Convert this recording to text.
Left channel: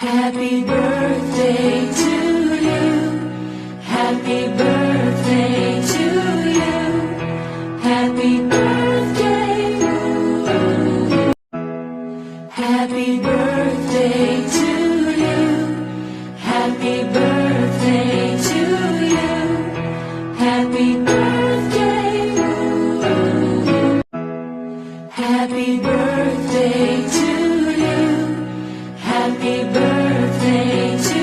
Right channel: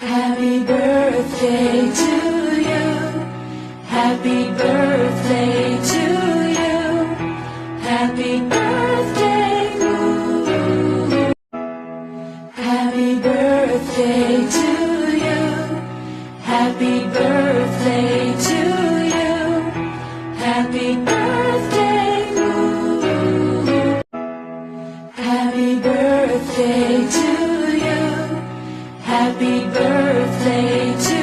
Happy birthday to you. Happy birthday to you. Happy birthday. Ooh. Happy birthday to you. Happy birthday to you. Happy birthday. Ooh. Happy birthday to you. Happy birthday to